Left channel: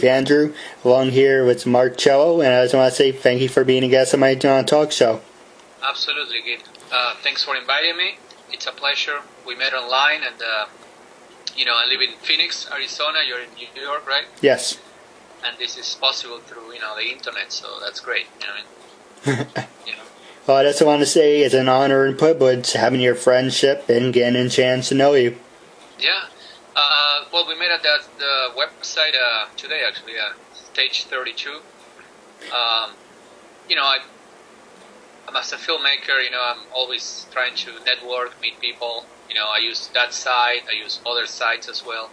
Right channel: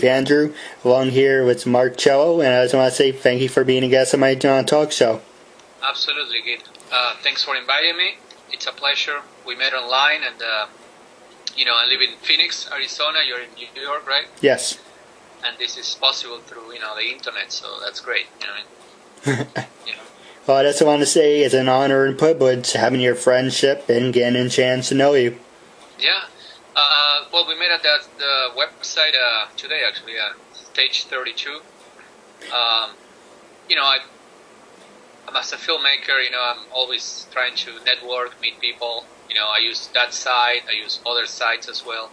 Keith Andrew, along here with Marcelo, and I just want to say thank you for being a guest on my talk show. Absolutely, Keith. Thanks for inviting me. It's a pleasure. We met online, and I live in Phoenix, Arizona. You're in New York, right? Yes. And this is possible through the internet, so that's great. Well, I just want to say it's an honor and privilege having your friendship and getting a chance to know you. Yeah. Well, we met at the website today, actually, Stage 32. As a filmmaker, I'm always trying to network, meet people. I use that site, I use other sites as well.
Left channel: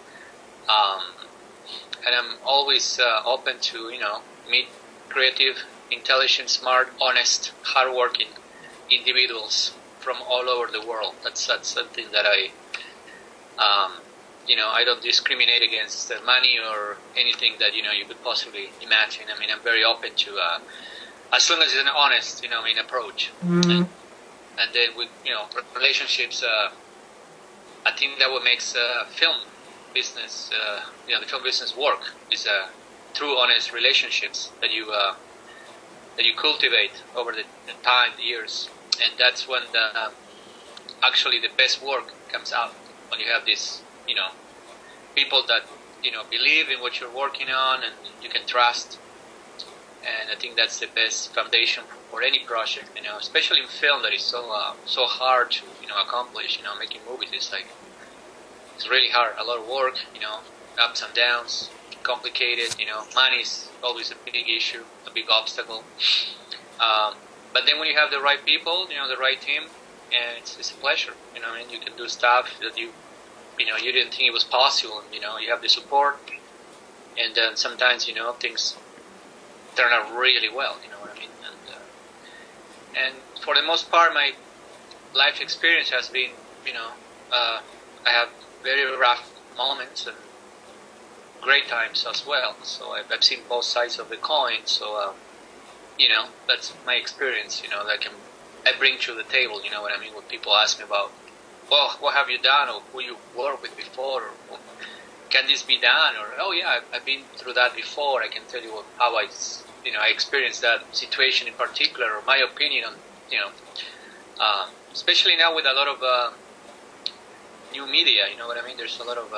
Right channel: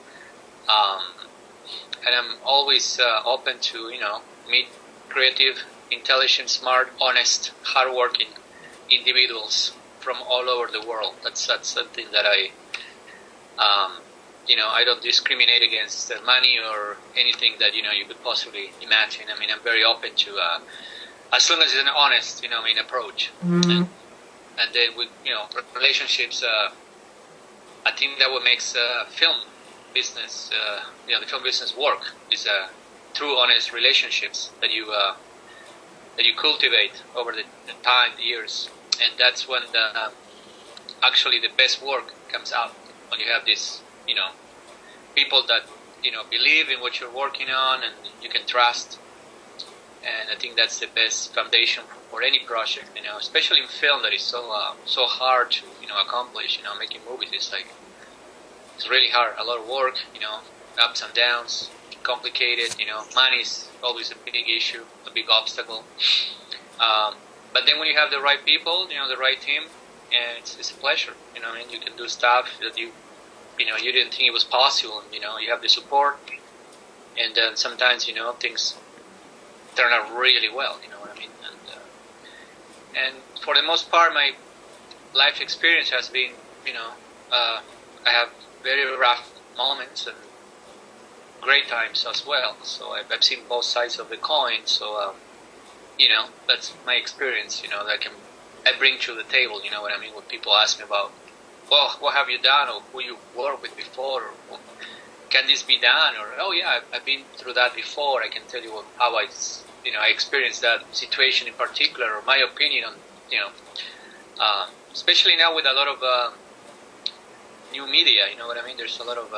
And I'm always open to, meet creative, intelligent, smart, honest, hardworking individuals from all over the world. That's something that I don't discriminate against money or anything that, you could possibly imagine. I mean, I'm very open to, as long as it's an honest, approach. Mm-hmm. And then with, relationships, I think that what makes film business, the film business work is true, honest relationships that you cultivate over the time, the years, and that's when actually the best work comes out, when you have these, people that believe in what you're working on and you can trust. And I think that's the best foundation for any project, especially in film that is so hard to accomplish. Making movies is it's really hard, a lot of work, ups and downs, complicated. Money is always a big issue, a big obstacle. But then when you have the right people, the right team, and it's a pleasure. You can do stuff that you didn't think it was possible. You have the support, and then sometimes things turn out really well. You know what I mean? And for the most part, my life experience has been, I have very rough moments and great times as well. So I've seen both sides of the coin. So that's my experience. That I bring to the table. You know what I mean? When people ask me about, well, what have you done, or who you worked with before, or can this be done, or oh yeah, I've been through that before. I can tell you how I experienced that situation in particular, or my opinion on, especially now with a lot of new media. You know what I mean? There's a lot of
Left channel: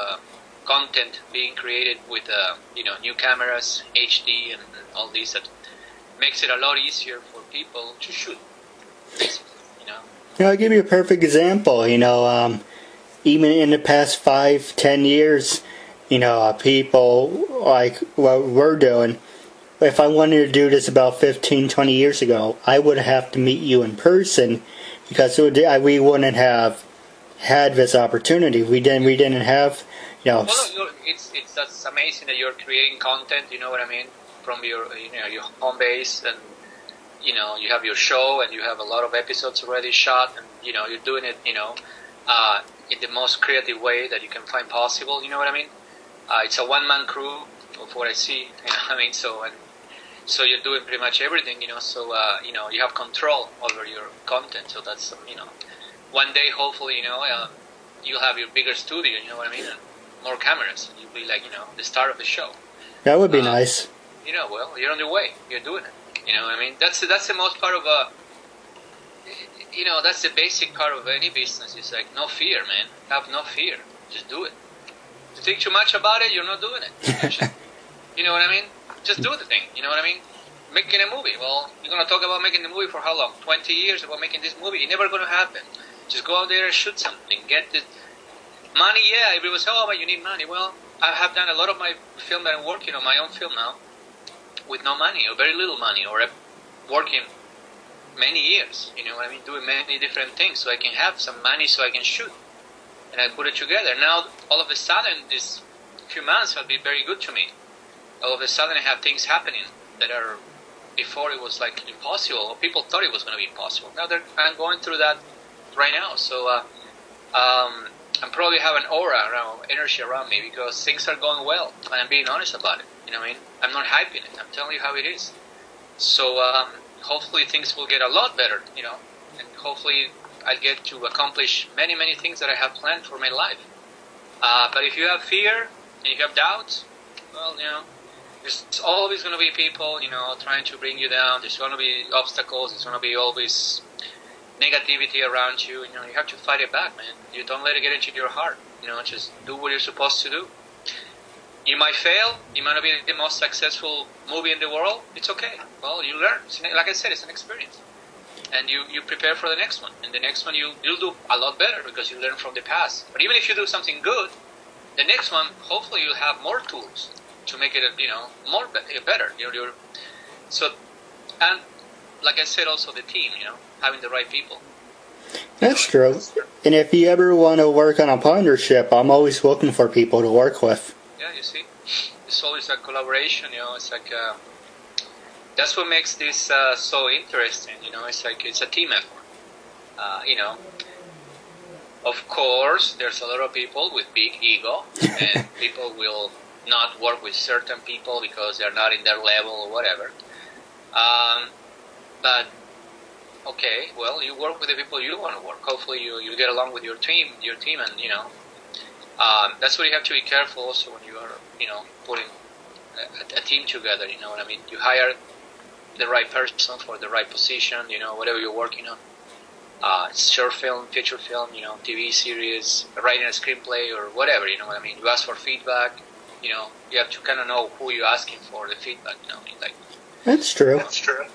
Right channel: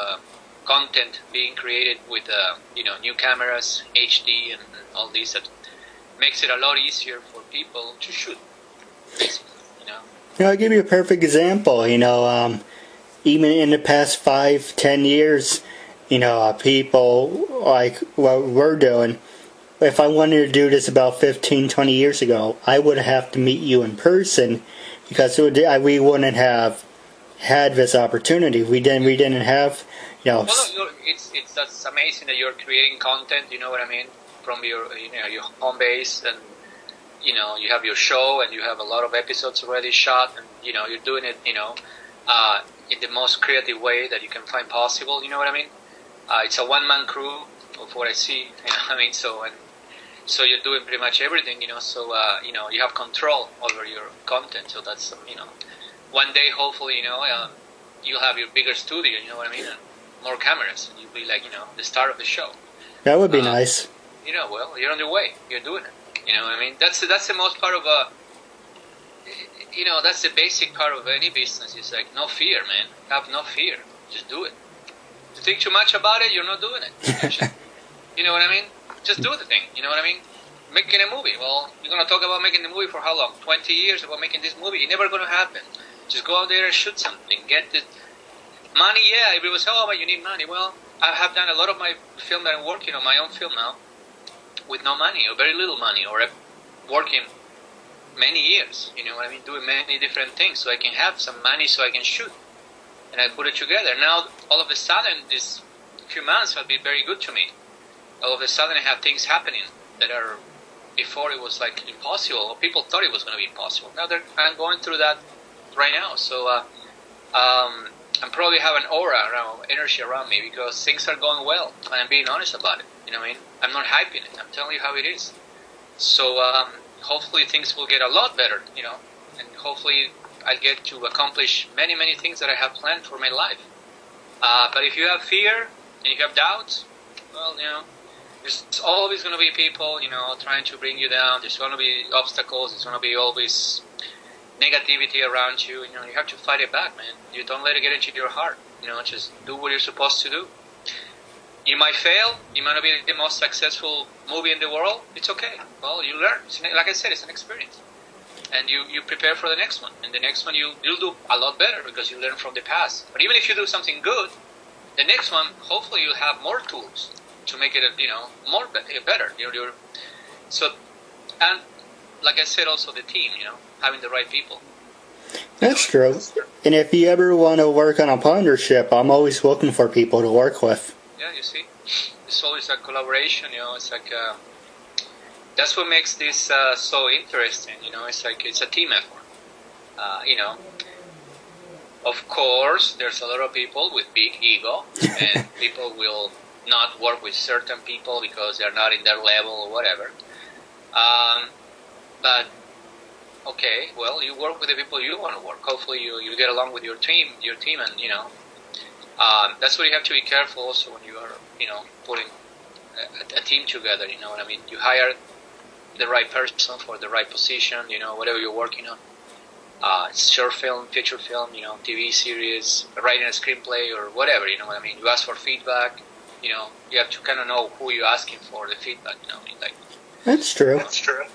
content being created with new cameras, HD, and all this that makes it a lot easier for people to shoot. I'll give you a perfect example. Even in the past 5-10 years, people like what we're doing. If I wanted to do this about 15-20 years ago, I would have to meet you in person, because we wouldn't have had this opportunity. We didn't have, Well, that's amazing that you're creating content. You know what I mean? From your home base, and you have your show, and you have a lot of episodes already shot, and you're doing it in the most creative way that you can find possible. You know what I mean? It's a one-man crew of what I see. You know what I mean? So you're doing pretty much everything. So you have control over your content. So that's one day hopefully you'll have your bigger studio. You know what I mean? And more cameras. You'll be like the star of the show. That would be nice. Well, you're on your way. You're doing it. You know what I mean? That's the most part of that's the basic part of any business. It's like no fear, man. Have no fear. Just do it. If you think too much about it, you're not doing it. You know what I mean? Just do the thing. You know what I mean? Making a movie. Well, you're gonna talk about making the movie for how long? 20 years about making this movie? It's never gonna happen. Just go out there and shoot something. Get the money. Yeah, everyone says, oh, but you need money. Well, I have done a lot of my film that I'm working on, my own film now, with no money or very little money, or working many years, you know what I mean, doing many different things so I can have some money so I can shoot. And I put it together. Now, all of a sudden, this few months have been very good to me. All of a sudden, I have things happening that are, before it was like impossible, or people thought it was going to be impossible. Now I'm going through that right now. So I probably have an aura around, energy around me, because things are going well, and I'm being honest about it. You know what I mean? I'm not hyping it. I'm telling you how it is. So hopefully things will get a lot better, and hopefully I get to accomplish many, many things that I have planned for my life. But if you have fear and you have doubts, well, there's always going to be people, trying to bring you down. There's going to be obstacles. There's going to be always negativity around you. You have to fight it back, man. You don't let it get into your heart. Just do what you're supposed to do. You might fail. You might not be the most successful movie in the world. It's okay. Well, you learn. Like I said, it's an experience. And you prepare for the next one. And the next one you'll do a lot better because you learn from the past. But even if you do something good, the next one, hopefully you'll have more tools to make it, more better. So, and like I said, also the team, having the right people. That's true. And if you ever want to work on a partnership, I'm always looking for people to work with. Yeah, you see, it's always a collaboration. It's like that's what makes this so interesting. It's like it's a team effort. Of course, there's a lot of people with big ego, and people will not work with certain people because they're not in their level or whatever. But okay, well, you work with the people you want to work. Hopefully, you get along with your team, and that's what you have to be careful also when you are, putting a team together. You know what I mean? You hire the right person for the right position. Whatever you're working on. Short film, feature film, TV series, writing a screenplay or whatever. You know what I mean? You ask for feedback. You have to kind of know who you're asking for the feedback. That's true. That's true.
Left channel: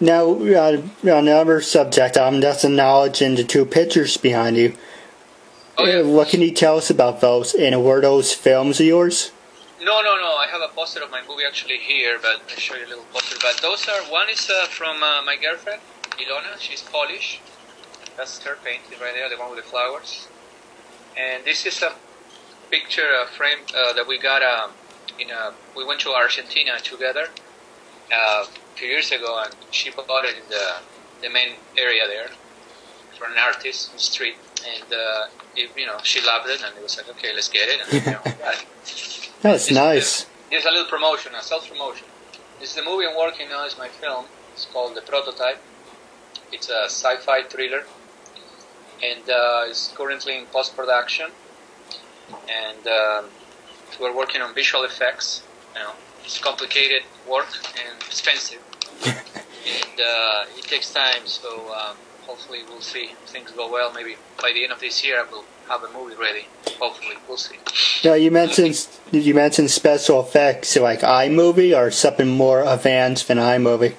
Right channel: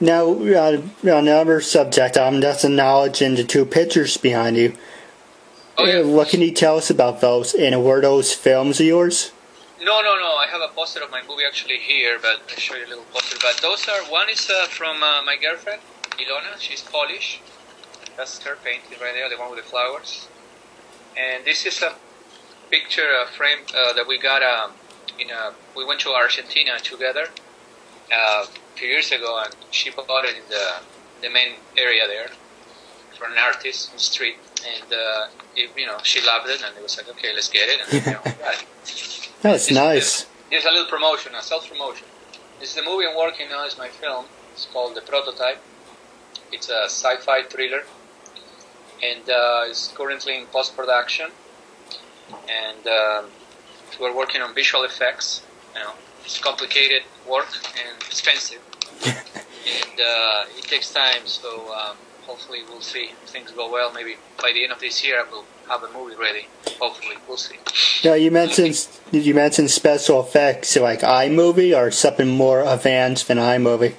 Now, on another subject, that's the knowledge and the two pictures behind you. Oh, yeah. What can you tell us about those? And were those films of yours? No. I have a poster of my movie actually here, but I'll show you a little poster. But those one is from my girlfriend, Ilona. She's Polish. That's her painting right there, the one with the flowers. And this is a picture, a frame that we got. We went to Argentina together a few years ago, and she bought it in the main area there for an artist in the street. And she loved it, and it was like, okay, let's get it. And, got it. That's nice. There's a little promotion, a self-promotion. This is the movie I'm working on. It's my film. It's called The Prototype. It's a sci-fi thriller, and it's currently in post-production. And we're working on visual effects. It's complicated work and expensive, and it takes time. So hopefully we'll see if things go well. Maybe by the end of this year, we'll have a movie ready. Hopefully, we'll see. Now, you mentioned special effects like iMovie or something more advanced than iMovie?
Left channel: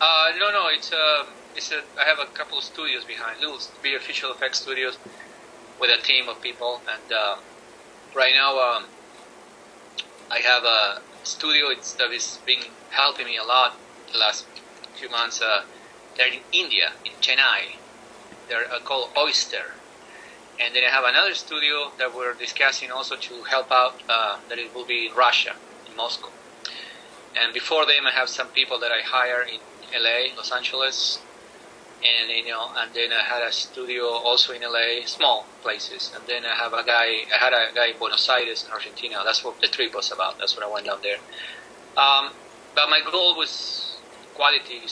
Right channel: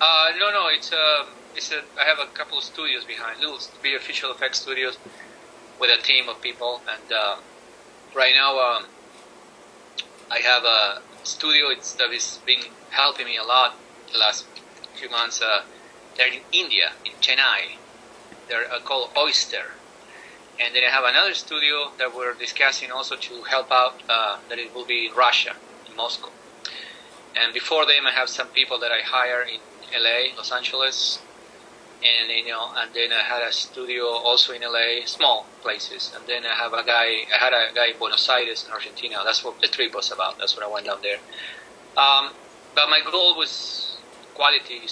No. I have a couple of studios behind, little visual effects studios with a team of people, and right now I have a studio that has been helping me a lot the last few months. They're in India, in Chennai. They're called Oyster. And then I have another studio that we're discussing also to help out, that it will be in Russia, in Moscow. And before them, I have some people that I hire in LA, Los Angeles. And, and then I had a studio also in LA, small places. And then I had a guy in Buenos Aires, in Argentina. That's what the trip was about. That's what I went down there. But my goal was quality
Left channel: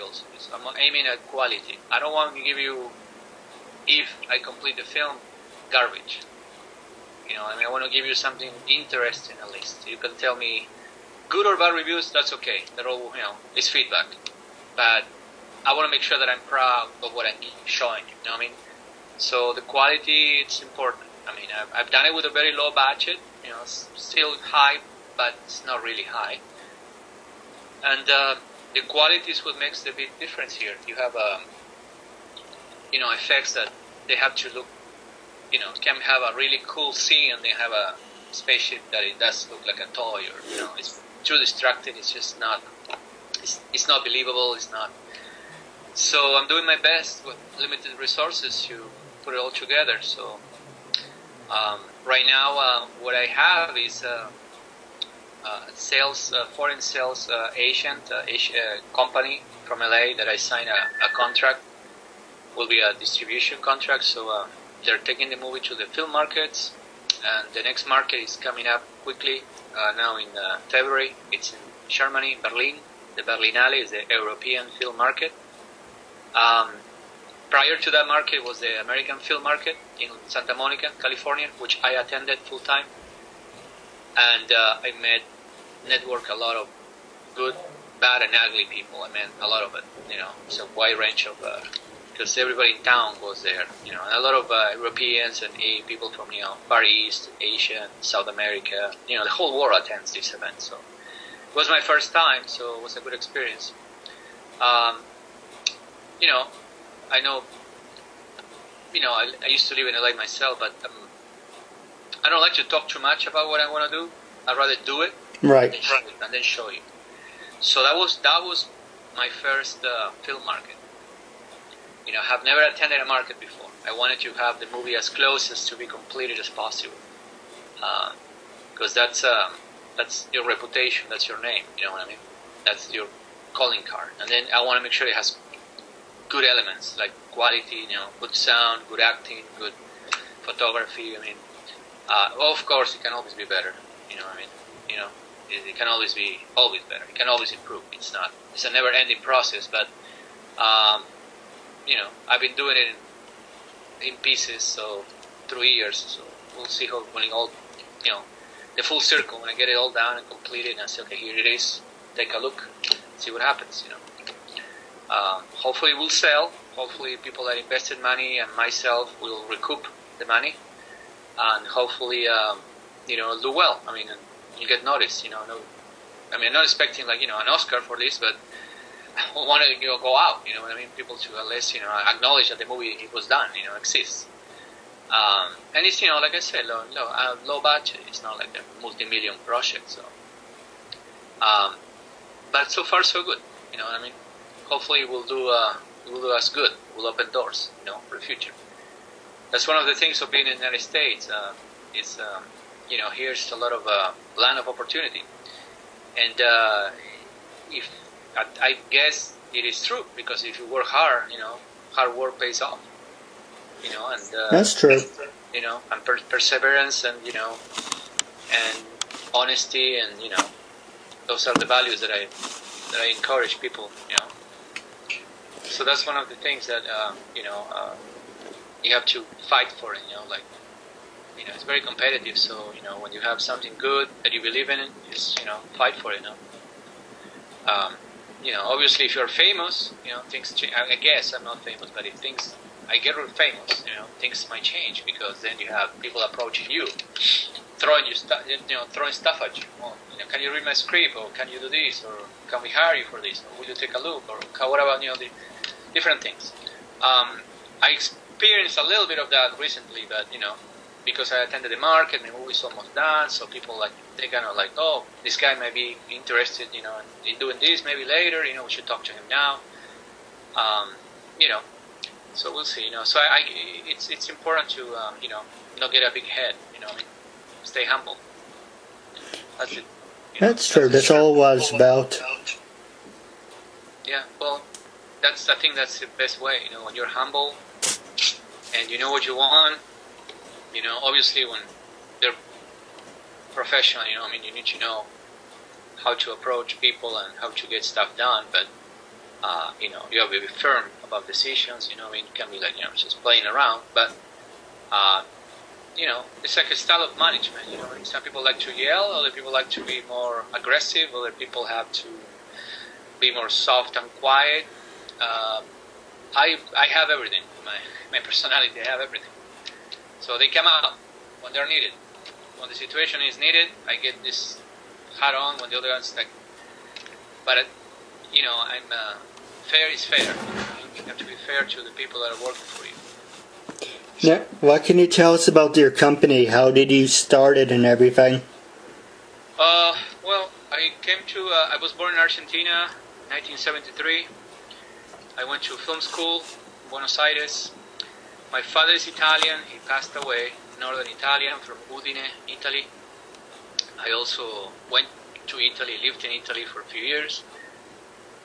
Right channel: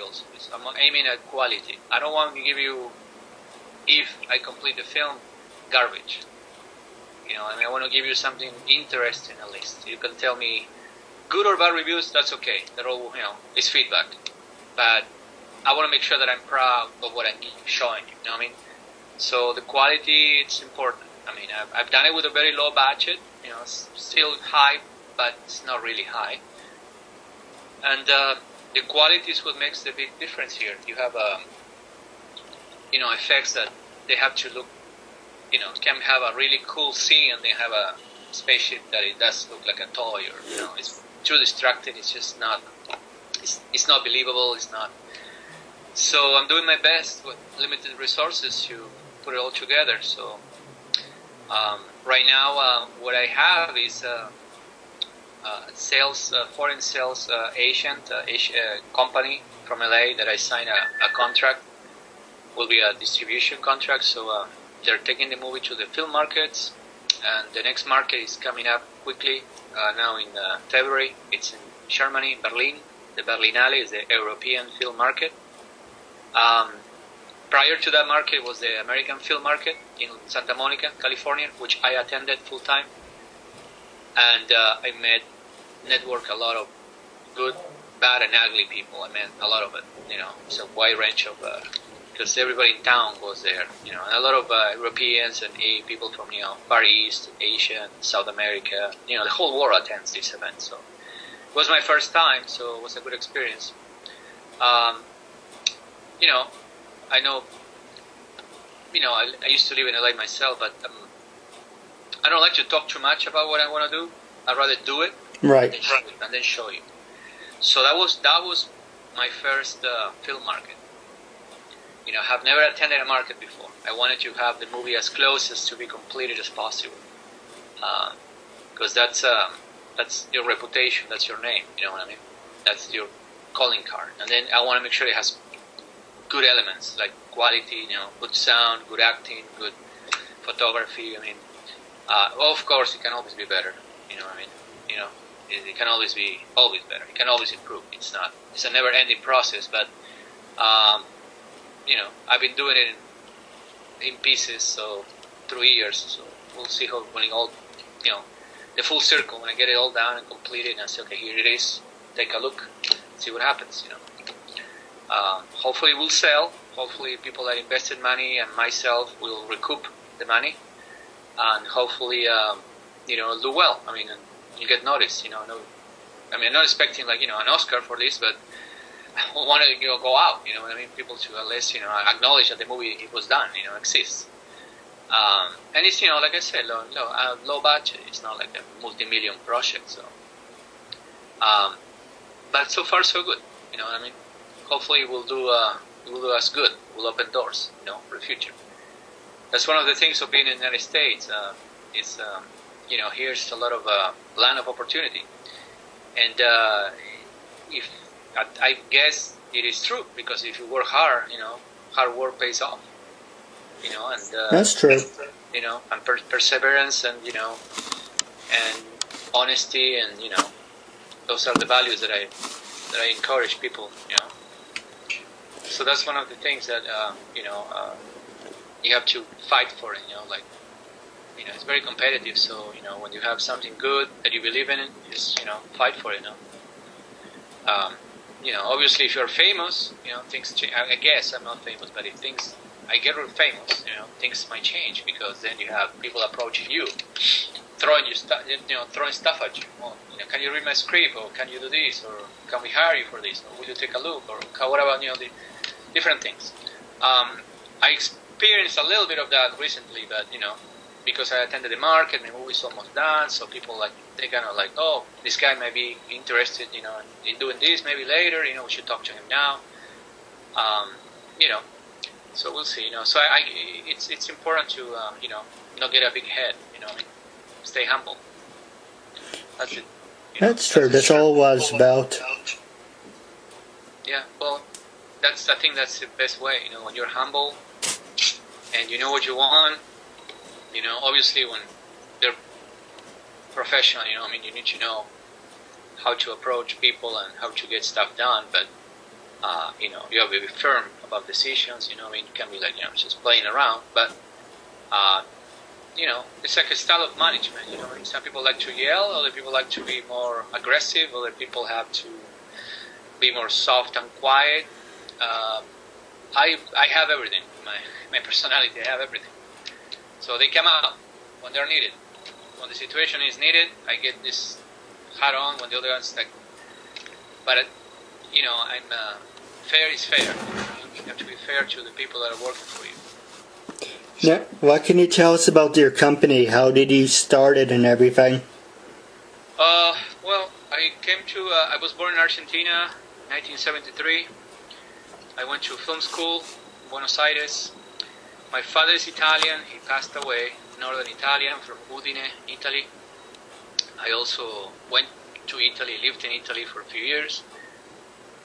also. I'm aiming at quality. I don't want to give you, if I complete the film, garbage. I want to give you something interesting at least. You can tell me good or bad reviews, that's okay. They're all, it's feedback. But I want to make sure that I'm proud of what I'm showing you. You know what I mean? So the quality, it's important. I've done it with a very low budget. It's still high, but it's not really high. And the quality is what makes the big difference here. You have, effects that they have to look, can have a really cool scene and they have a spaceship that it does look like a toy, or, it's too distracting. It's just not, it's not believable. It's not. So I'm doing my best with limited resources to put it all together. So right now, what I have is foreign sales agent, company from LA that I signed a contract. Will be a distribution contract. So they're taking the movie to the film markets, and the next market is coming up quickly. Now in February, it's in Germany, Berlin. The Berlinale is the European film market. Prior to that market was the American film market in Santa Monica, California, which I attended full time. And I met network a lot of good, bad, and ugly people. I mean, a lot of it. It's a wide range of because everybody in town goes there. And a lot of Europeans and people from Far East, Asia, South America. The whole world attends this event. So it was my first time, so it was a good experience. I know. I used to live in LA myself, but I don't like to talk too much about what I want to do. I'd rather do it, right, and then show you. So that was my first film market. I have never attended a market before. I wanted to have the movie as close as to be completed as possible, because that's your reputation, that's your name. You know what I mean? That's your calling card. And then I want to make sure it has good elements like quality, good sound, good acting, good photography. Of course, it can always be better. It can always be better. It can always improve. It's a never-ending process. But I've been doing it in pieces, so 3 years. So we'll see when it all, the full circle. When I get it all down and completed, and I say, okay, here it is. Take a look, see what happens. Hopefully, we'll sell. Hopefully, people that invested money and myself will recoup the money, and hopefully, it'll do well. And you get noticed. I'm not expecting an Oscar for this, but I want to go out. People to at least acknowledge that the movie it was done. Exists. And it's like I said, low budget. It's not like a multi-million project. So, but so far so good. Hopefully we'll do us good. We'll open doors. For the future. That's one of the things of being in the United States. Here's a lot of land of opportunity, and if I guess it is true, because if you work hard, hard work pays off. And that's true. And perseverance, and and honesty, and those are the values that I encourage people. So that's one of the things that you have to fight for it. It's very competitive. So when you have something good that you believe in, just fight for it. Obviously, if you're famous, things change. I guess I'm not famous, but if I get real famous, things might change, because then you have people approaching you, throwing stuff at you. Well, can you read my script, or can you do this, or can we hire you for this, or will you take a look, or what about the different things. I experienced a little bit of that recently, but because I attended the market, the movie's almost done, so people they kind of oh, this guy might be interested, in doing this maybe later, we should talk to him now. So we'll see, So it's important to not get a big head, stay humble. That's it. That's true. That's all it was about. Yeah, well, I think that's the best way, when you're humble and you know what you want. Obviously when they're professional, you need to know how to approach people and how to get stuff done, but you have to be firm about decisions. It can be just playing around, but it's like a style of management. Some people like to yell, other people like to be more aggressive, other people have to be more soft and quiet. I have everything. My personality, I have everything. So they come out when they're needed. When the situation is needed, I get this hat on. When the other one's but I'm fair is fair. You have to be fair to the people that are working for you. Now, what can you tell us about your company? How did you start it and everything? Well, I was born in Argentina, 1973. I went to film school in Buenos Aires. My father is Italian. He passed away, northern Italian, from Udine, Italy. I also went to Italy, lived in Italy for a few years.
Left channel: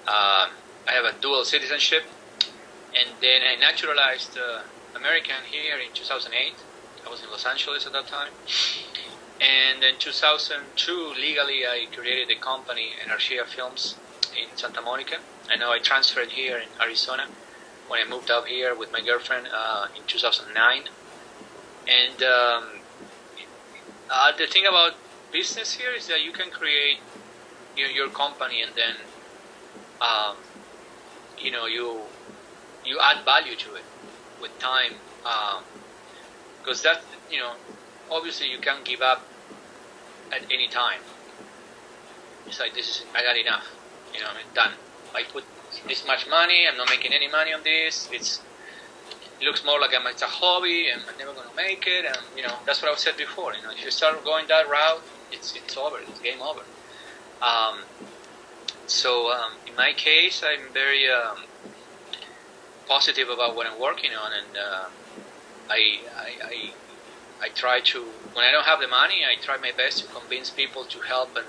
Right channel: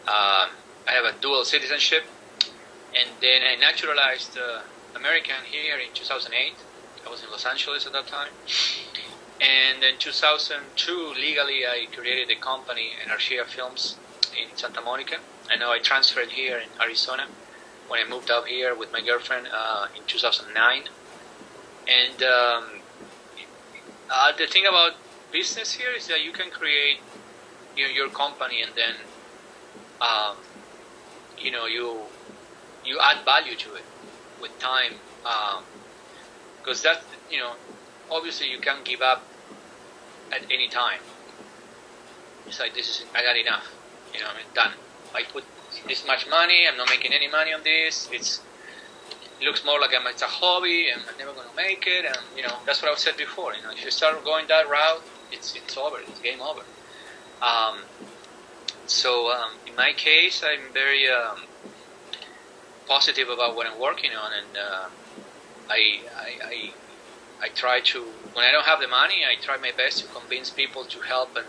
I have a dual citizenship. And then I naturalized American here in 2008. I was in Los Angeles at that time. And in 2002, legally, I created a company, Energia Films, in Santa Monica. And now I transferred here in Arizona when I moved up here with my girlfriend in 2009. And the thing about business here is that you can create your company, and then you add value to it with time, because that obviously you can't give up at any time. It's like, I got enough, I'm done. I put this much money, I'm not making any money on this. It looks more like it's a hobby, and I'm never going to make it. And that's what I said before. If you start going that route, it's over. It's game over. So in my case, I'm very positive about what I'm working on, and I try to, when I don't have the money, I try my best to convince people to help and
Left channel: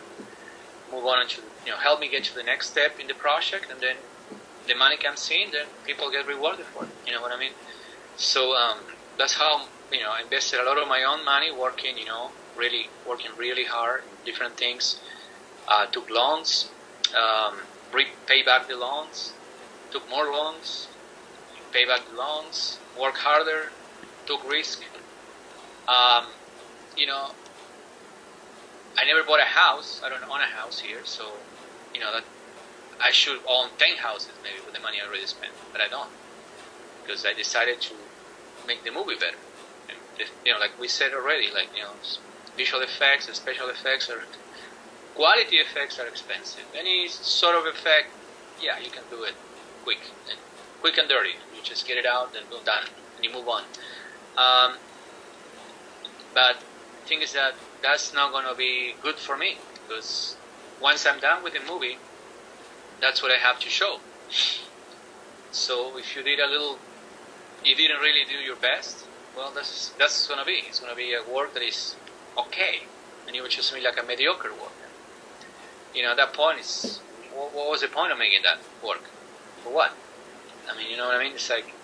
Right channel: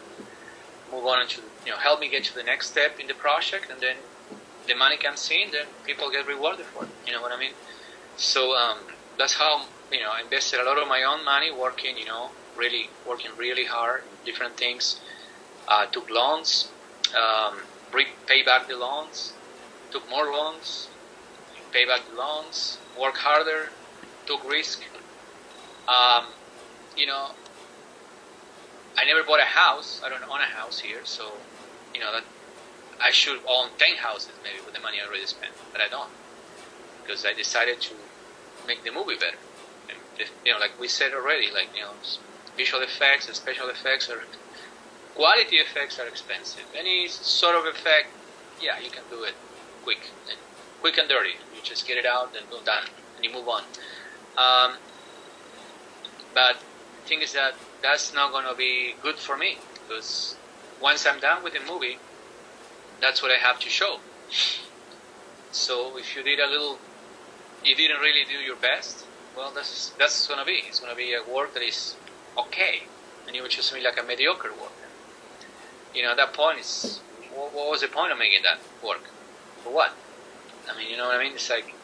move on to help me get to the next step in the project, and then the money comes in, then people get rewarded for it. You know what I mean? So that's how I invested a lot of my own money working really hard in different things. Took loans, pay back the loans, took more loans, pay back the loans, work harder, took risk. I never bought a house. I don't own a house here, so that I should own 10 houses maybe with the money I already spent, but I don't, because I decided to make the movie better. And like we said already, visual effects and special effects quality effects are expensive. Any sort of effect, yeah, you can do it quick and dirty. You just get it out and go done, and you move on. But the thing is that that's not going to be good for me, because once I'm done with the movie, that's what I have to show. So if you you didn't really do your best, well, that's going to be. It's going to be a work that is okay, and you would choose me like a mediocre work. At that point, what was the point of making that work? For what? I mean, you know what I mean? It's like,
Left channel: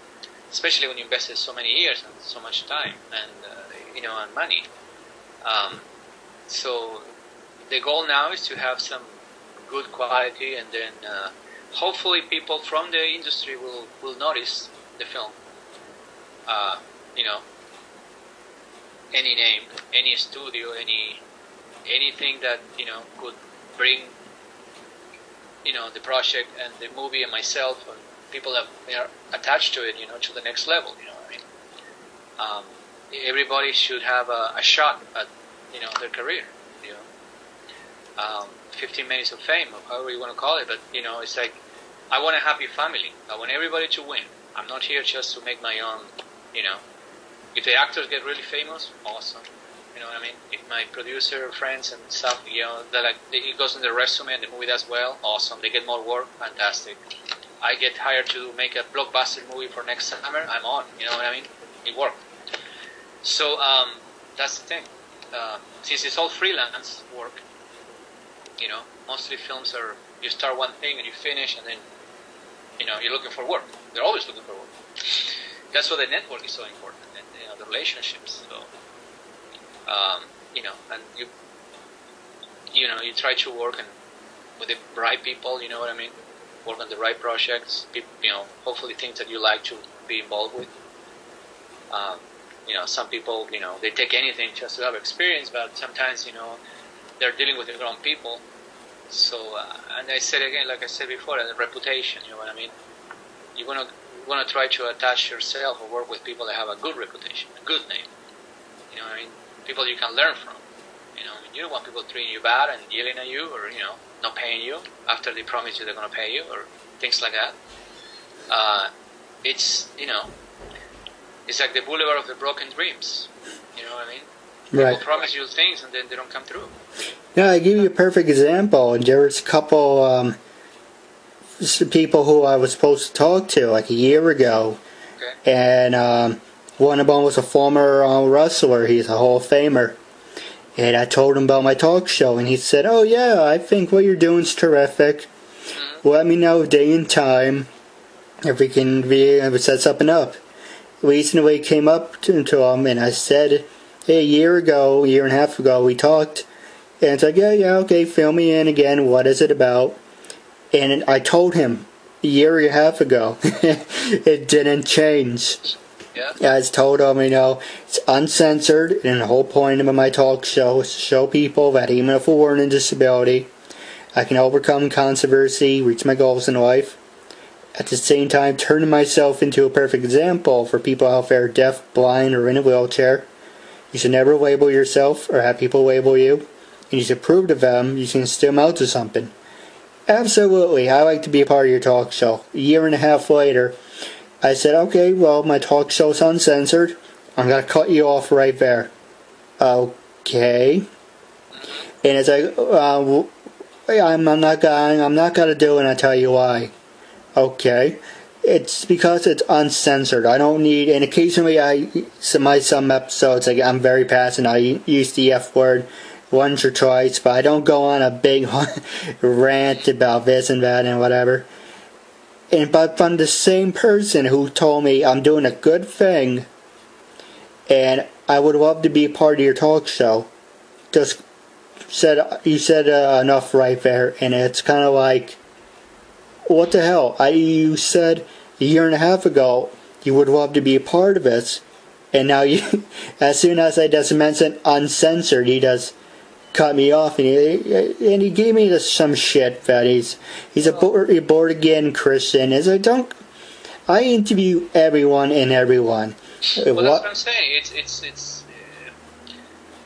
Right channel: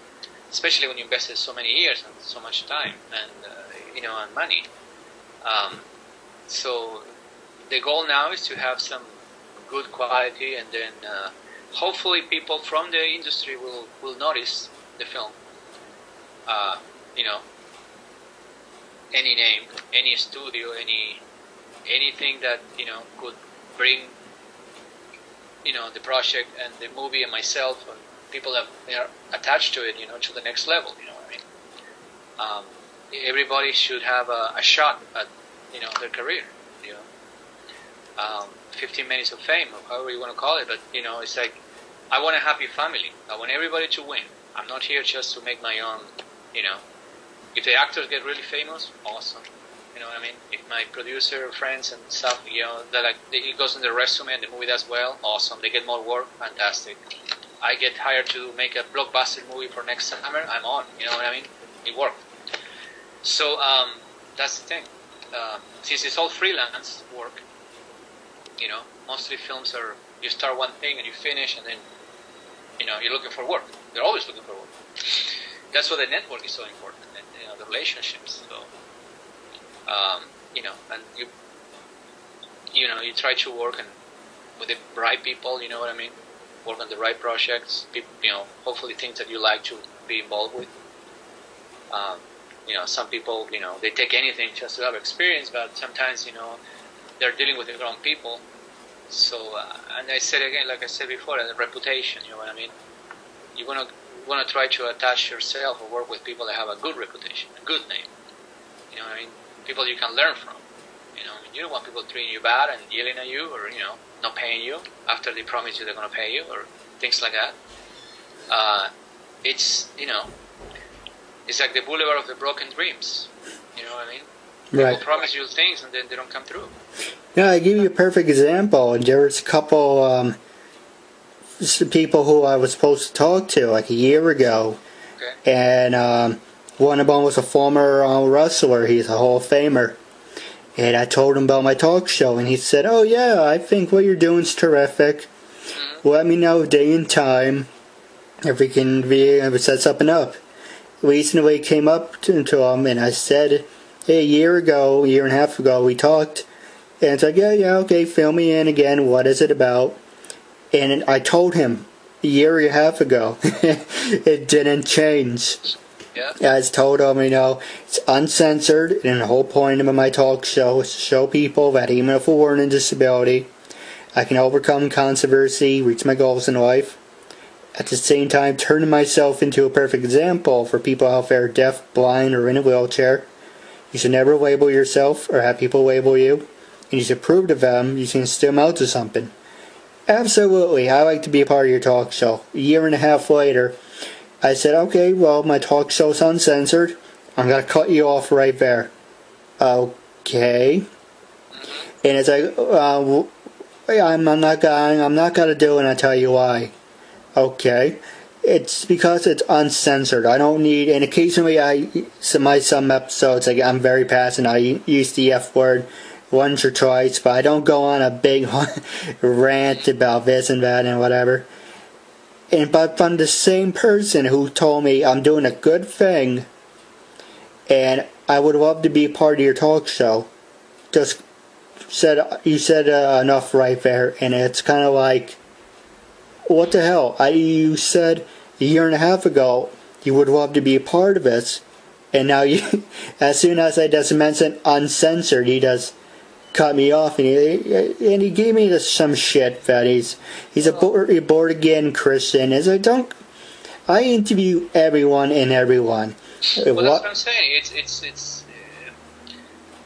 especially when you invested so many years and so much time and and money. So the goal now is to have some good quality, and then hopefully people from the industry will notice the film. Any name, any studio, anything that could bring the project and the movie and myself and people that are attached to it, to the next level. You know what I mean? Everybody should have a shot at their career. 15 minutes of fame, or however you want to call it, but it's like, I want a happy family. I want everybody to win. I'm not here just to make my own. If the actors get really famous, awesome. You know what I mean? If my producer friends and stuff, it goes in the resume and the movie does well, awesome. They get more work, fantastic. I get hired to make a blockbuster movie for next summer, I'm on. You know what I mean? It worked. So that's the thing. Since it's all freelance work, mostly films are, you start one thing and you finish, and then you're looking for work. They're always looking for work. That's why the network is so important, and the relationships. So and you try to work with the right people. You know what I mean? Work on the right projects. Hopefully things that you like to be involved with. Some people, they take anything just to have experience, but sometimes, they're dealing with their own people. So, and I said again, like I said before, the reputation, you know what I mean? You want to try to attach yourself or work with people that have a good reputation, a good name. You know what I mean? People you can learn from. You don't want people treating you bad and yelling at you, or, not paying you after they promise you they're going to pay you, or things like that. It's like the boulevard of the broken dreams. You know what I mean? Right. People promise you things and then they don't come through. Yeah, I give you a perfect example. There was a couple people who I was supposed to talk to like a year ago. Okay. And one of them was a former wrestler. He's a Hall of Famer. And I told him about my talk show, and he said, "Oh yeah, I think what you're doing is terrific. Mm-hmm. Let me know day and time if we can set something up." Recently came up to him, and I said, "Hey, a year and a half ago, we talked." And it's like, yeah, okay, fill me in again. What is it about? And I told him a year and a half ago. It didn't change. Yeah. I just told him, it's uncensored, and the whole point of my talk show is to show people that even if we're in a disability, I can overcome controversy, reach my goals in life. At the same time, turning myself into a perfect example for people out there deaf, blind, or in a wheelchair. You should never label yourself or have people label you. And you should prove to them you can still amount to something. Absolutely, I like to be a part of your talk show. A year and a half later, I said, okay, well, my talk show's uncensored. I'm going to cut you off right there. Okay. And it's like, I'm not gonna do it, and I'll tell you why. Okay. It's because it's uncensored. I don't need, and occasionally some episodes, like, I'm very passionate. I use the F word once or twice, but I don't go on a big rant about this and that and whatever. But from the same person who told me I'm doing a good thing, and I would love to be a part of your talk show, just you said enough right there, and it's kind of like, what the hell? You said a year and a half ago you would love to be a part of this, and now you, as soon as I just mentioned uncensored, he just cut me off, and he gave me some shit that he's a born again Christian. Is I interview everyone and everyone. Well, that's what I'm saying. It's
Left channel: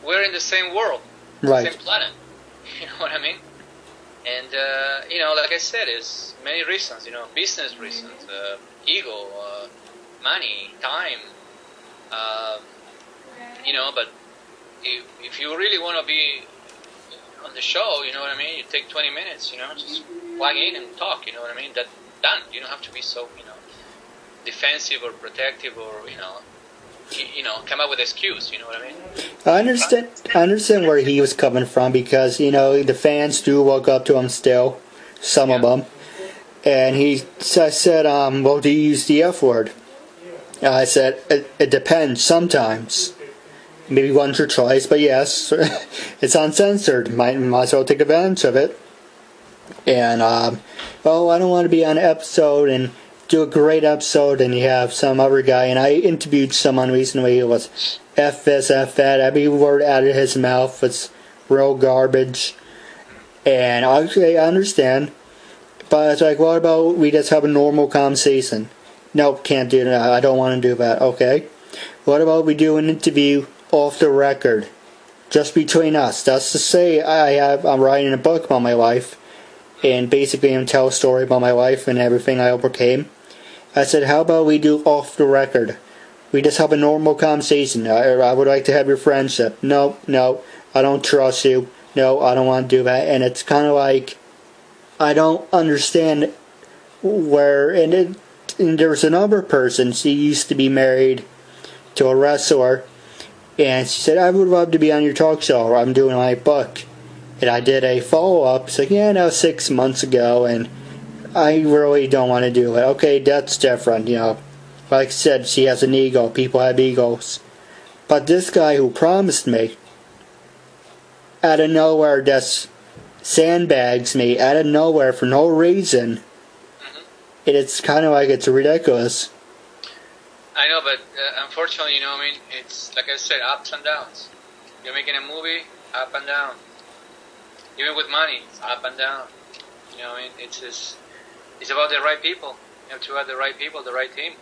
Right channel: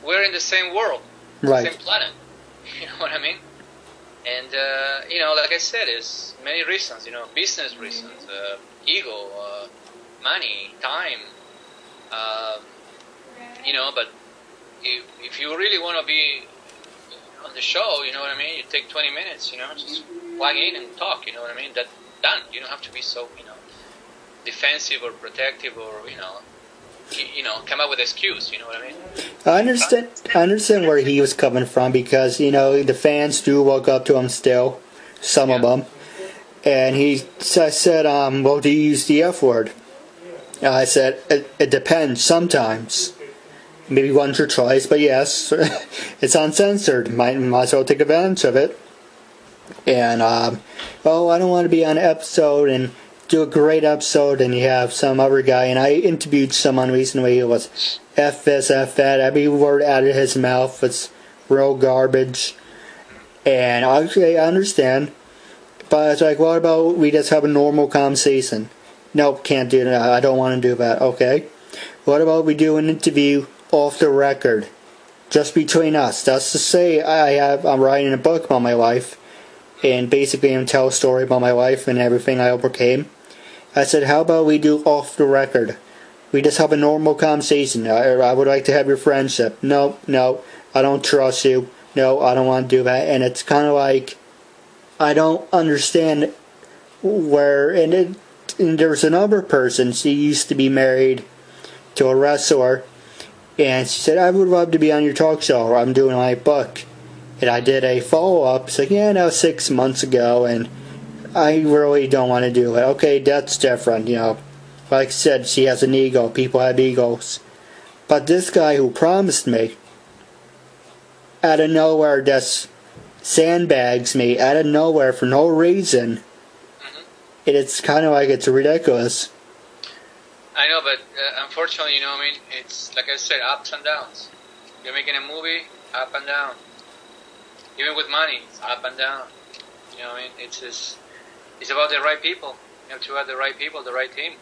we're in the same world, right? Same planet. You know what I mean? And like I said, it's many reasons. Business reasons, ego, money, time. But if you really want to be on the show, you know what I mean? You take 20 minutes, just plug in and talk, you know what I mean? That's done. You don't have to be so, defensive or protective or, come up with an excuse, you know what I mean? I understand where he was coming from because, the fans do walk up to him still, some of them. And I said, well, do you use the F word? I said, it depends sometimes. Maybe once or twice, but yes, it's uncensored. Might as well take advantage of it. And, I don't want to be on an episode and do a great episode and you have some other guy. And I interviewed someone recently who was F this, F that. Every word out of his mouth was real garbage. And obviously, I understand. But it's like, what about we just have a normal conversation? Nope, can't do that. I don't want to do that. Okay. What about we do an interview off the record, just between us? That's to say, I'm writing a book about my life, and basically I'm telling a story about my life and everything I overcame. I said, how about we do off the record? We just have a normal conversation. I would like to have your friendship. No, I don't trust you. No, I don't want to do that. And it's kind of like, I don't understand where, and there's another person, she used to be married to a wrestler, and she said, I would love to be on your talk show. I'm doing my book. And I did a follow-up. It's like, that was 6 months ago, and I really don't want to do it. Okay, that's different, Like I said, she has an ego. People have egos. But this guy who promised me, out of nowhere, just sandbags me, out of nowhere, for no reason. And it's kind of like, it's ridiculous. I know, but unfortunately, it's like I said, ups and downs. You're making a movie, up and down. Even with money, up and down. It's about the right people. You have to have the right people, the right team,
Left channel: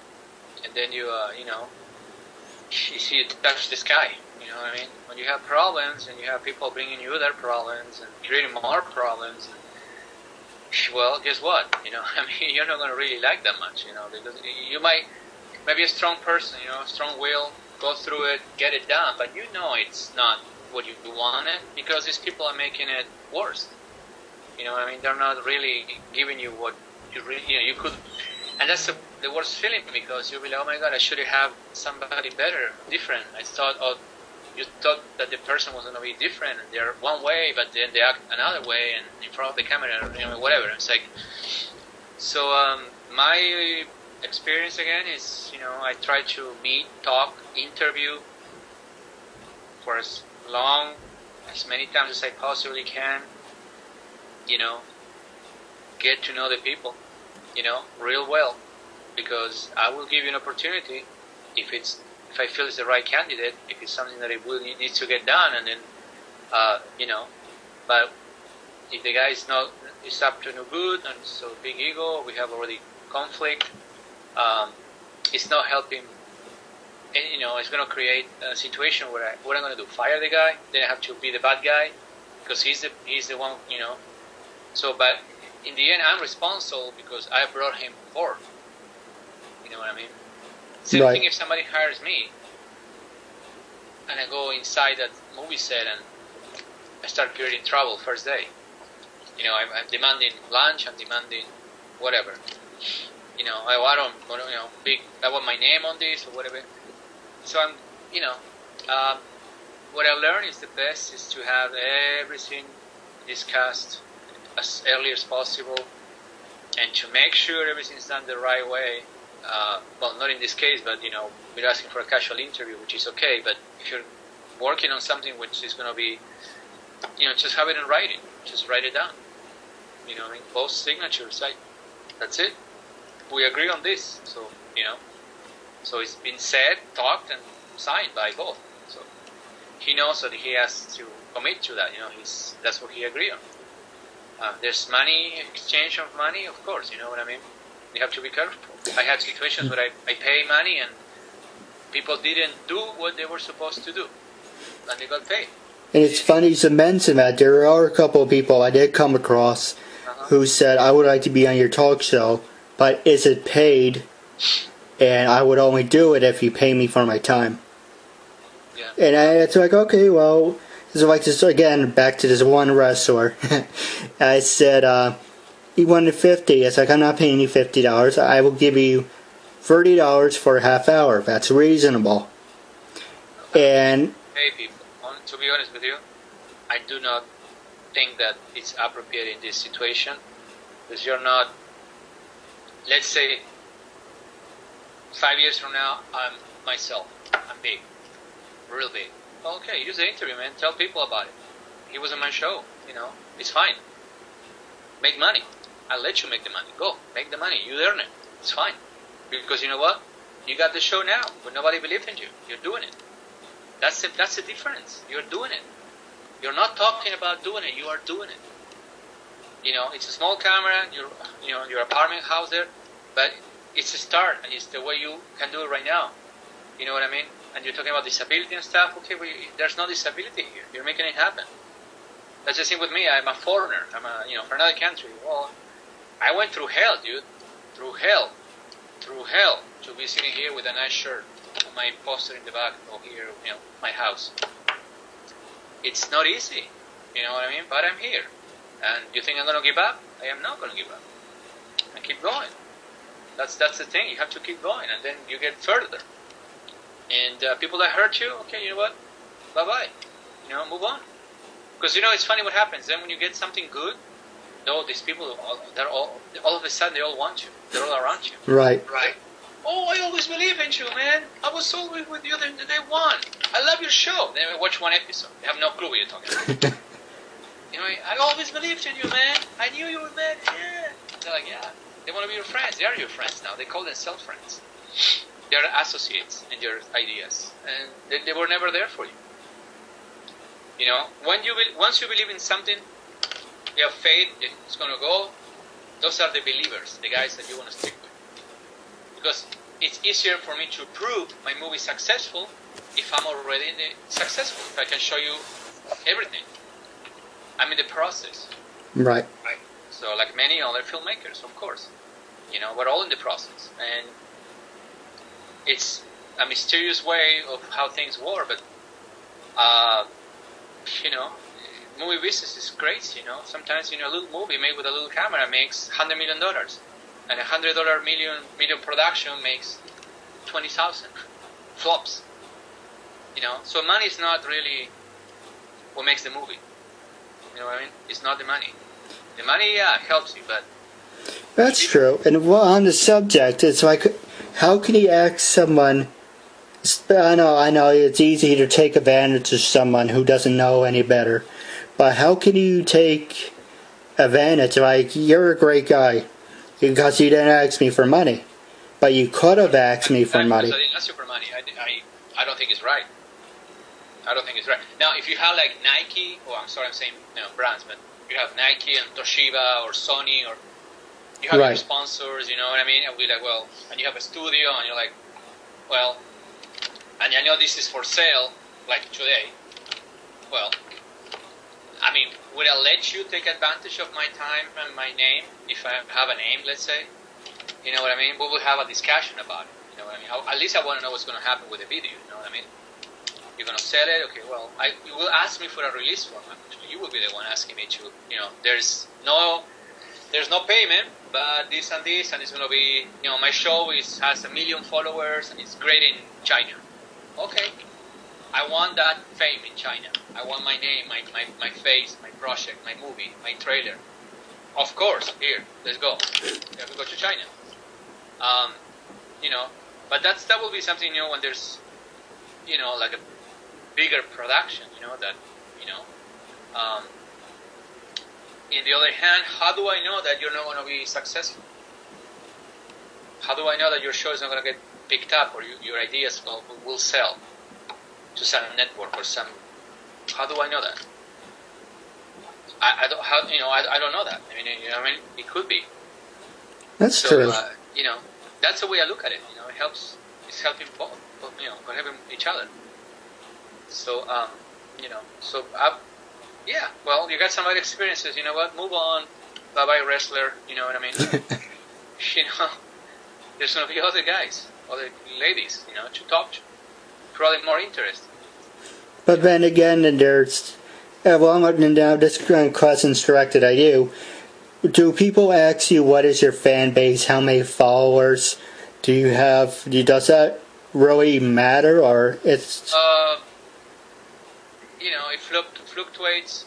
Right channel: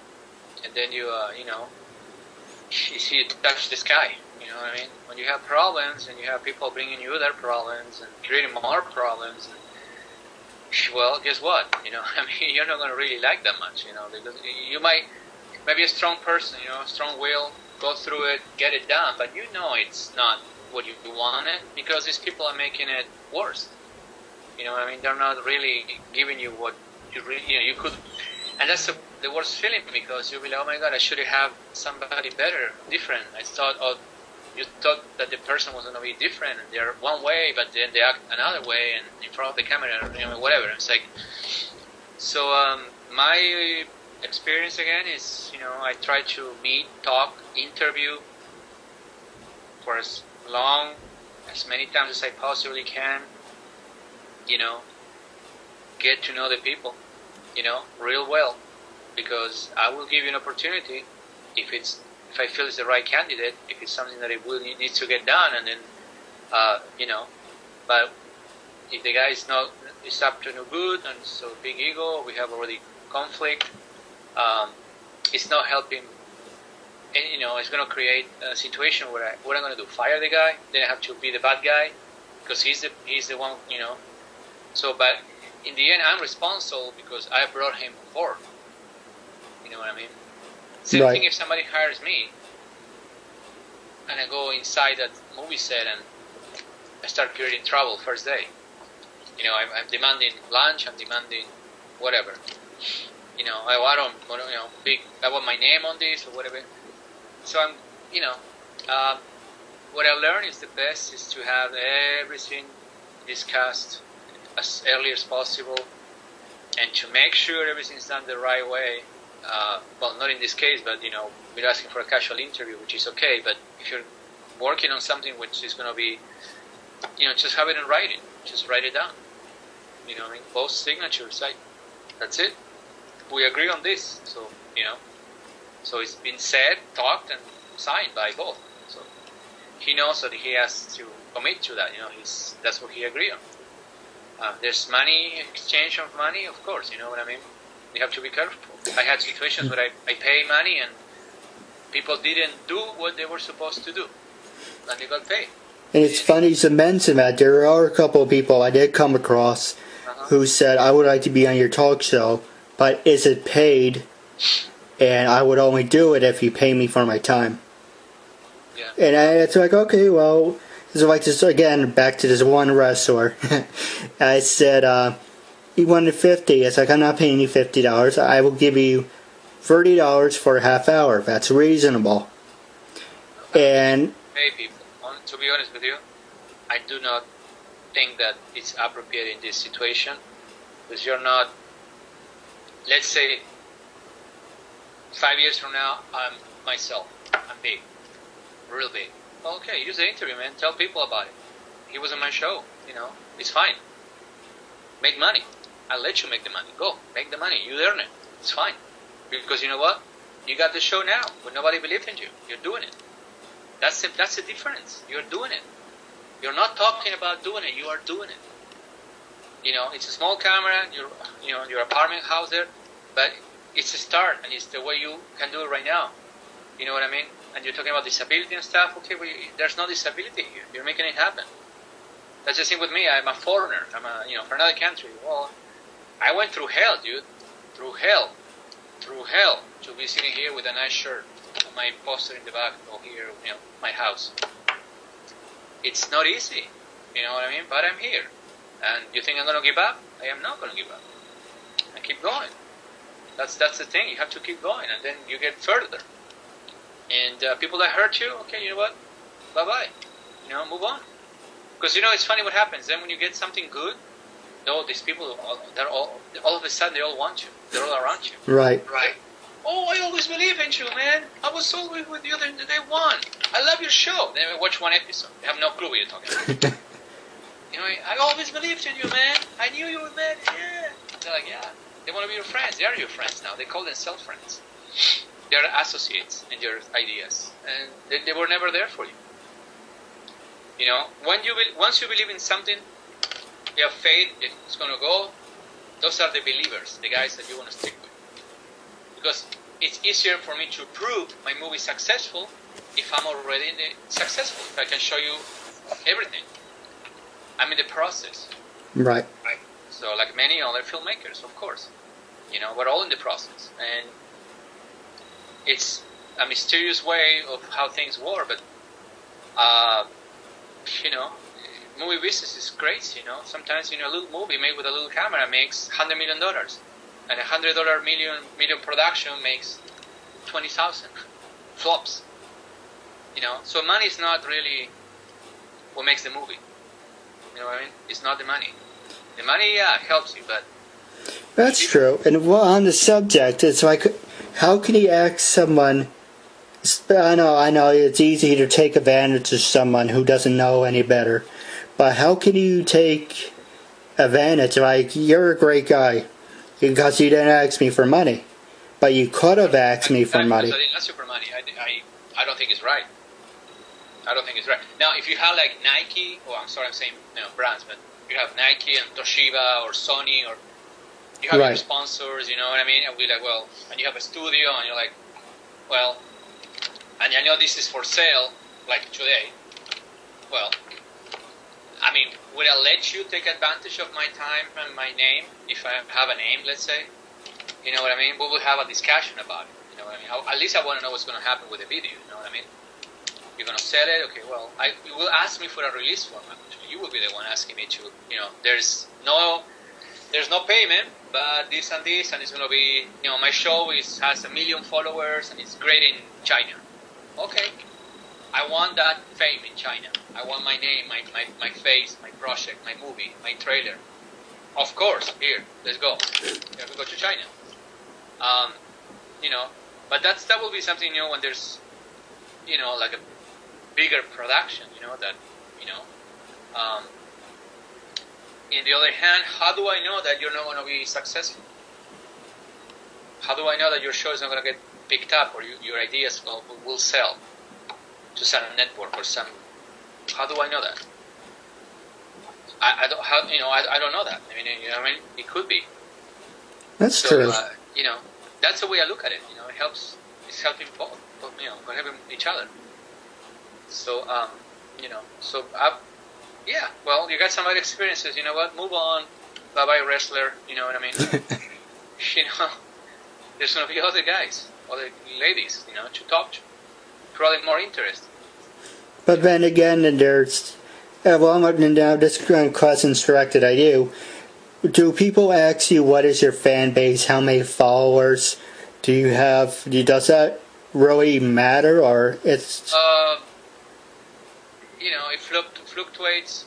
and then you see it touch the sky. You know what I mean? When you have problems and you have people bringing you their problems and creating more problems. Well, guess what? You're not going to really like that much. Because you might be a strong person, strong will, go through it, get it done, but it's not what you wanted because these people are making it worse. You know what I mean? They're not really giving you what you really, you could, and that's the worst feeling because you'll be like, oh my God, I should have somebody better, different. You thought that the person was going to be different, and they're one way, but then they act another way, and in front of the camera, whatever. It's like, so my experience again is, I try to meet, talk, interview for as many times as I possibly can, get to know the people, real well, because I will give you an opportunity if I feel it's the right candidate, if it's something that it will needs to get done, and then, but if the guy is up to no good, and so big ego, we have already conflict. It's not helping. And, it's going to create a situation where what I'm going to do? Fire the guy? Then I have to be the bad guy because he's the one. So, but in the end, I'm responsible because I brought him forth. You know what I mean? Same thing if somebody hires me and I go inside that movie set and I start creating trouble first day. I'm demanding lunch, I'm demanding whatever. I don't, I want my name on this or whatever. So I'm, what I learned is the best is to have everything discussed as early as possible and to make sure everything's done the right way. Well, not in this case, but, we're asking for a casual interview, which is okay, but if you're working on something which is going to be, just have it in writing. Just write it down. Both signatures, that's it. We agree on this, so, so it's been said, talked, and signed by both. So he knows that he has to commit to that, that's what he agreed on. There's money, exchange of money, of course, you know what I mean? You have to be careful. I had situations where I pay money and people didn't do what they were supposed to do, and they got paid. And it's funny to mention that there are a couple of people I did come across who said, I would like to be on your talk show, but is it paid? And I would only do it if you pay me for my time. Yeah. And it's like, okay, well, it's like this again, back to this one wrestler. I said, he wanted $50. It's like, I'm not paying you $50. I will give you $30 for a half hour. That's reasonable. And hey, people, to be honest with you, I do not think that it's appropriate in this situation because you're not. Let's say 5 years from now, I'm myself. I'm big, real big. Okay, use the interview, man. Tell people about it. He was on my show. It's fine. Make money. I'll let you make the money. Go, make the money. You earn it. It's fine. Because you know what? You got the show now, but nobody believed in you. You're doing it. That's the difference. You're doing it. You're not talking about doing it. You are doing it. It's a small camera. Your apartment house there, but it's a start, and it's the way you can do it right now. You know what I mean? And you're talking about disability and stuff. Okay, well, there's no disability here. You're making it happen. That's the thing with me. I'm a foreigner. I'm from another country. Well, I went through hell, dude. Through hell, to be sitting here with a nice shirt, my poster in the back, or here, my house. It's not easy, you know what I mean? But I'm here. And you think I'm going to give up? I am not going to give up. I keep going. That's the thing. You have to keep going, and then you get further. And people that hurt you, okay, you know what? Bye-bye. Move on. Because, it's funny what happens. Then when you get something good, these people, they're all of a sudden, they all want you. They're all around you. Right. Oh, I always believe in you, man. I was so with you the day one. I love your show. Then I watch one episode. They have no clue what you're talking about. I always believed in you, man. I knew you were man. Yeah. They're like, yeah. They want to be your friends. They are your friends now. They call themselves friends. They are associates in your ideas. And they were never there for you. Once you believe in something, you have faith, it's going to go. Those are the believers, the guys that you want to stick with. Because it's easier for me to prove my movie successful if I'm already successful. If I can show you everything. I'm in the process. Right. So like many other filmmakers, of course. We're all in the process. And it's a mysterious way of how things work, but movie business is crazy, Sometimes, a little movie made with a little camera makes $100 million. And $100 million production makes 20,000 flops. So money is not really what makes the movie. You know what I mean? It's not the money. The money, helps you, but... That's true. And on the subject, it's like, how can you ask someone... I know, it's easy to take advantage of someone who doesn't know any better. But how can you take advantage? Like, you're a great guy because you didn't ask me for money. But you could have asked me for money. I didn't ask you for money. I don't think it's right. I don't think it's right. Now, if you have like Nike, I'm sorry I'm saying brands, but you have Nike and Toshiba or Sony, or you have your sponsors, you know what I mean? And we're like, well, and you have a studio, and you're like, well, and I know this is for sale, like today. Well, I mean, would I let you take advantage of my time and my name if I have a name, let's say? You know what I mean? We will have a discussion about it. You know what I mean? At least I want to know what's going to happen with the video. You know what I mean? You're going to sell it? Okay, well, you will ask me for a release format. You will be the one asking me to, you know, there's no payment, but this, and it's going to be, you know, my show has 1 million followers, and it's great in China. Okay. I want that fame in China. I want my name, my face, my project, my movie, my trailer. Of course, here, let's go. Let's go to China. You know, but that will be something, you know, when there's, you know, like a bigger production, you know, that, you know. In the other hand, how do I know that you're not going to be successful? How do I know that your show is not going to get picked up, or your ideas will sell to some network or some? How do I know that? I don't know that. I mean, you know, it could be. That's true. You know, that's the way I look at it. You know, it's helping both, you know, we're helping each other. So, you know, yeah, well, you got some other experiences, you know what, move on, bye-bye wrestler, you know what I mean? You know, there's going to be other guys, other ladies, you know, to talk to. Probably more interesting. But then again, there's, now this question's directed at you. Do people ask you what is your fan base, how many followers do you have? Does that really matter, or it's? You know, it fluctuates,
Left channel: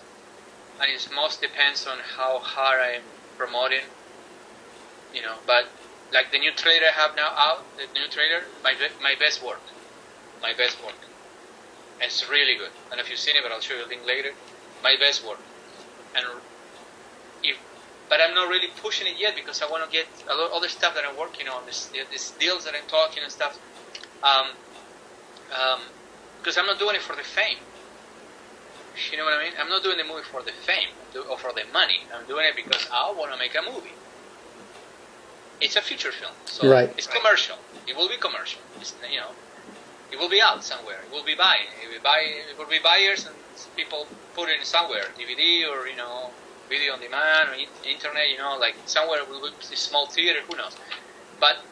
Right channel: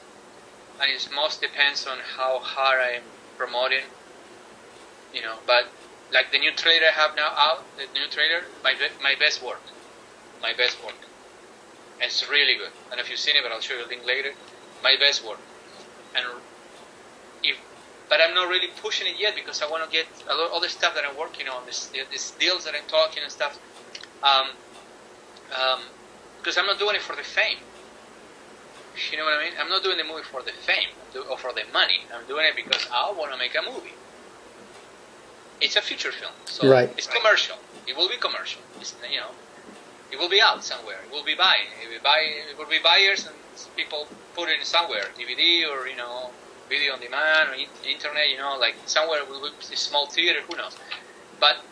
and it most depends on how hard I'm promoting. You know, but like the new trailer I have now out, the new trailer, my best work. My best work. And it's really good. I don't know if you've seen it, but I'll show you a link later. My best work. But I'm not really pushing it yet because I want to get a lot of other stuff that I'm working on, these deals that I'm talking and stuff. Because I'm not doing it for the fame. You know what I mean? I'm not doing the movie for the fame or for the money. I'm doing it because I want to make a movie. It's a feature film, so it's commercial. It will be commercial. It's, you know, it will be out somewhere. It will be buying. It will be buyers, and people put it in somewhere, DVD or, you know, video on demand or internet. You know, like somewhere will be a small theater. Who knows? But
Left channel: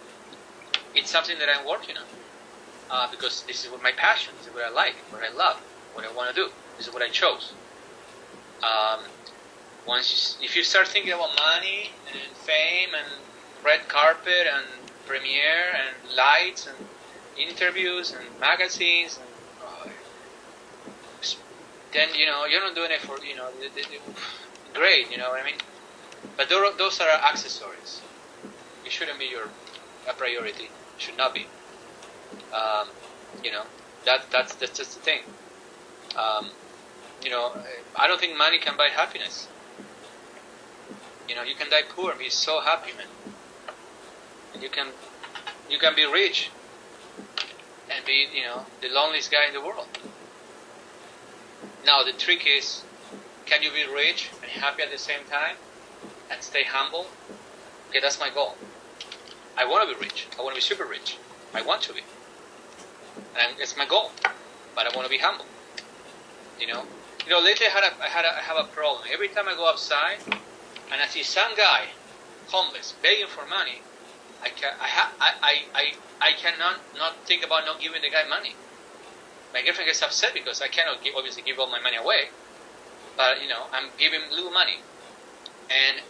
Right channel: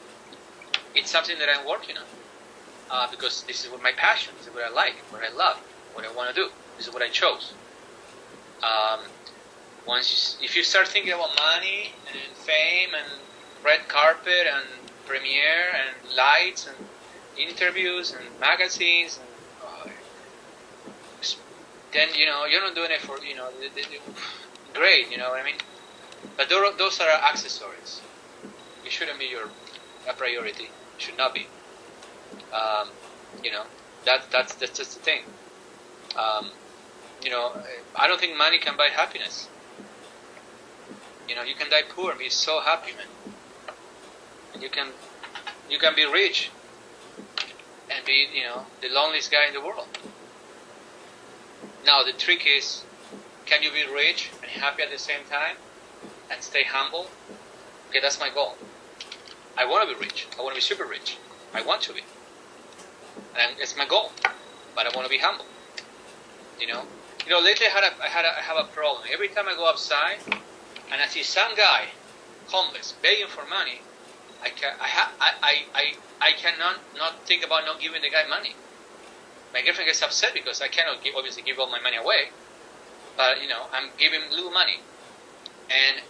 it's something that I'm working on because this is what my passion. This is what I like, what I love, what I want to do. This is what I chose. If you start thinking about money and fame and red carpet and premiere and lights and interviews and magazines, and, then, you know, you're not doing it for, you know, great, you know what I mean? But those are accessories. It shouldn't be a priority. It should not be. You know, that's just the thing. You know, I don't think money can buy happiness. You know, you can die poor and be so happy, man. And you can be rich and be, you know, the loneliest guy in the world. Now the trick is, can you be rich and happy at the same time and stay humble? Okay, that's my goal. I want to be rich. I want to be super rich. I want to be, and it's my goal. But I want to be humble. You know, lately I have a problem. Every time I go outside and I see some guy homeless begging for money, I cannot not think about not giving the guy money. My girlfriend gets upset because I cannot obviously give all my money away, but, you know, I'm giving little money. And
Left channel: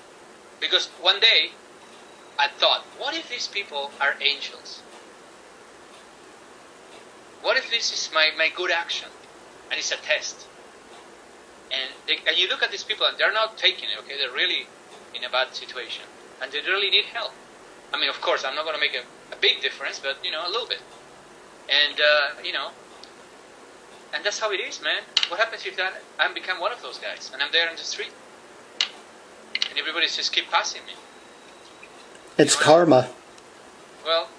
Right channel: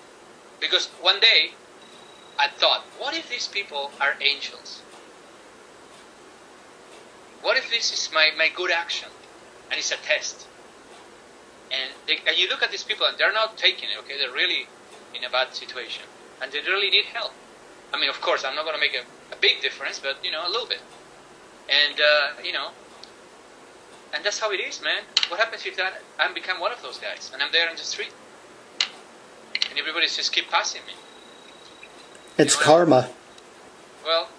because one day I thought, what if these people are angels? What if this is my good action and it's a test? And you look at these people and they're not taking it, okay? They're really in a bad situation and they really need help. I mean, of course, I'm not going to make a big difference, but, you know, a little bit. And, you know, and that's how it is, man. What happens if I become one of those guys and I'm there on the street and everybody just keep passing me? It's karma. Well,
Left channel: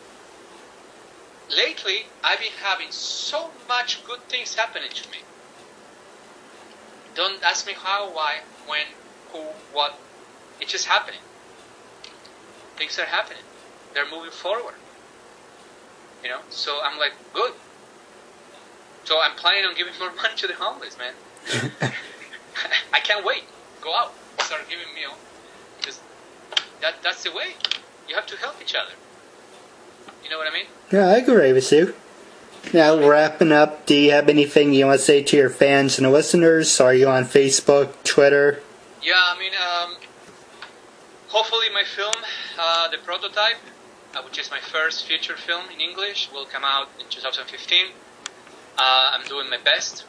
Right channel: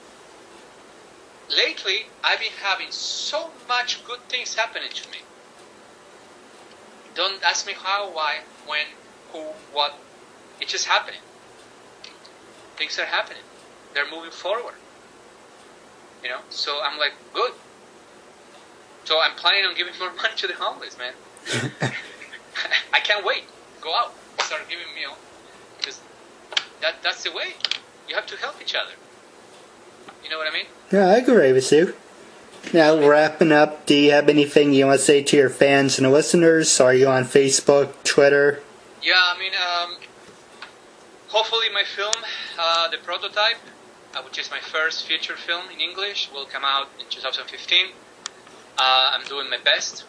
lately I've been having so much good things happening to me. Don't ask me how, why, when. who, what. It's just happening. Things are happening. They're moving forward. So I'm like, good. So I'm planning on giving more money to the homeless, man. I can't wait. Go out, start giving meal, because that's the way. You have to help each other. You know what I mean? Yeah, I agree with you. Now, wrapping up, do you have anything you want to say to your fans and listeners? Are you on Facebook, Twitter? Yeah, I mean, hopefully my film, The Prototype, which is my first feature film in English, will come out in 2015. I'm doing my best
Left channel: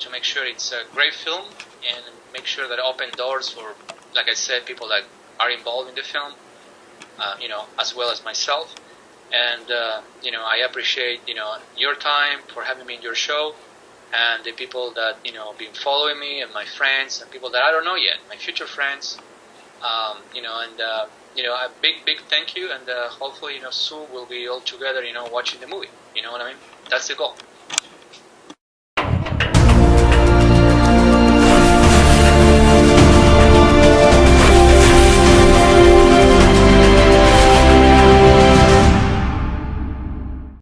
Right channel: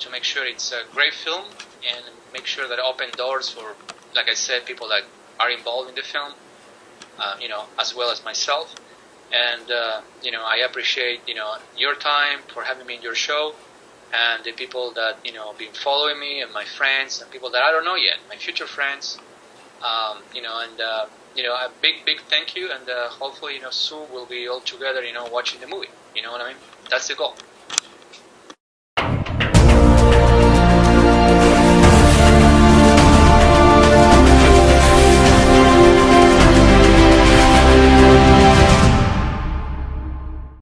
to make sure it's a great film and make sure that I open doors for, like I said, people that are involved in the film, as well as myself. And, I appreciate, your time for having me in your show, and the people that, been following me, and my friends, and people that I don't know yet, my future friends, a big thank you, and hopefully, soon we'll be all together, watching the movie. You know what I mean? That's the goal.